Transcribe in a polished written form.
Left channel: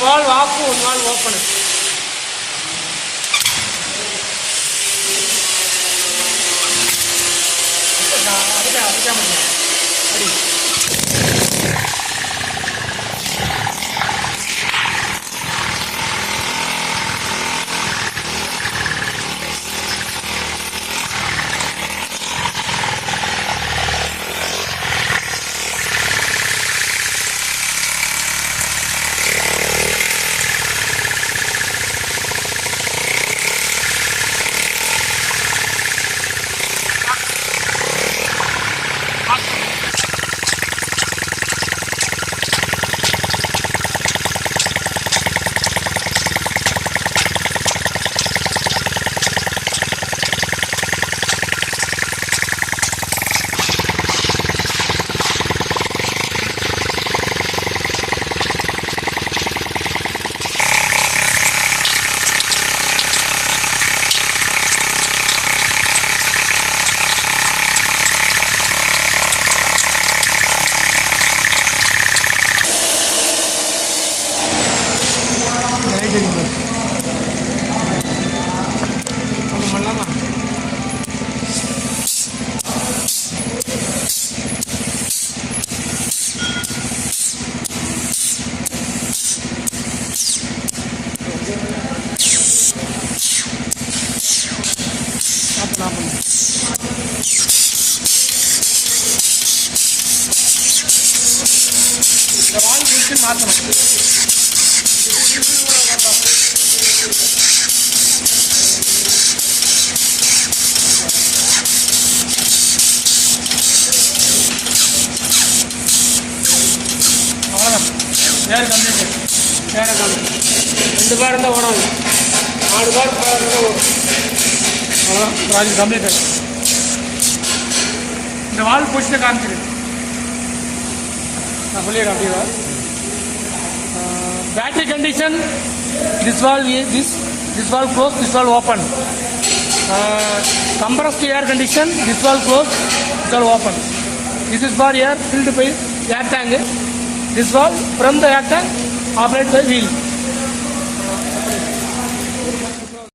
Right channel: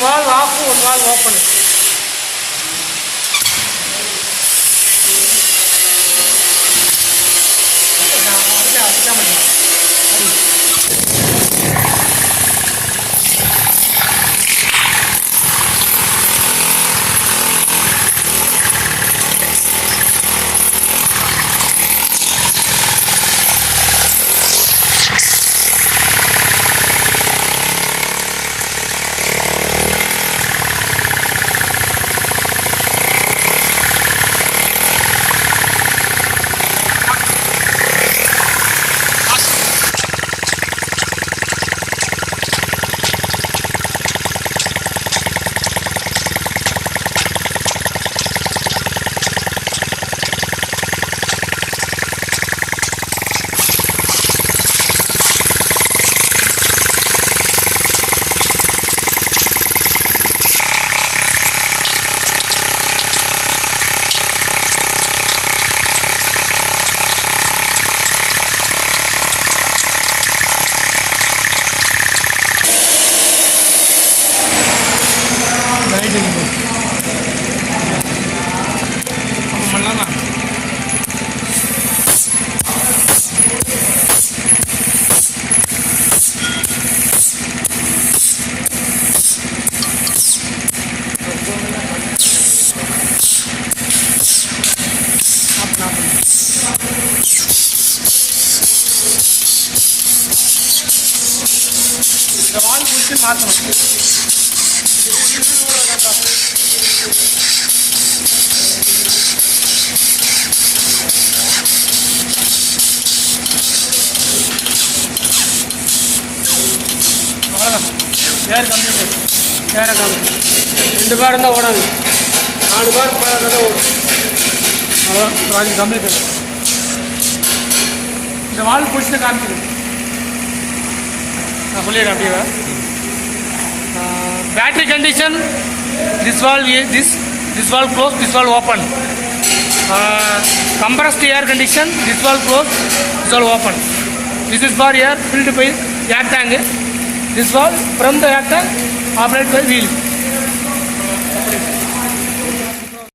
one valve off, one valve open. ரெண்டு பாரம் தான் ஓடாது, 4 பாரம் அப்படியே இந்த வால் பிடிச்ச காமிக்குது. Battery condition, this valve closed, this valve open. Compressed air condition, this valve closed, this valve open. This is for air filled by air tank. This valve from the air tank operated by wheel.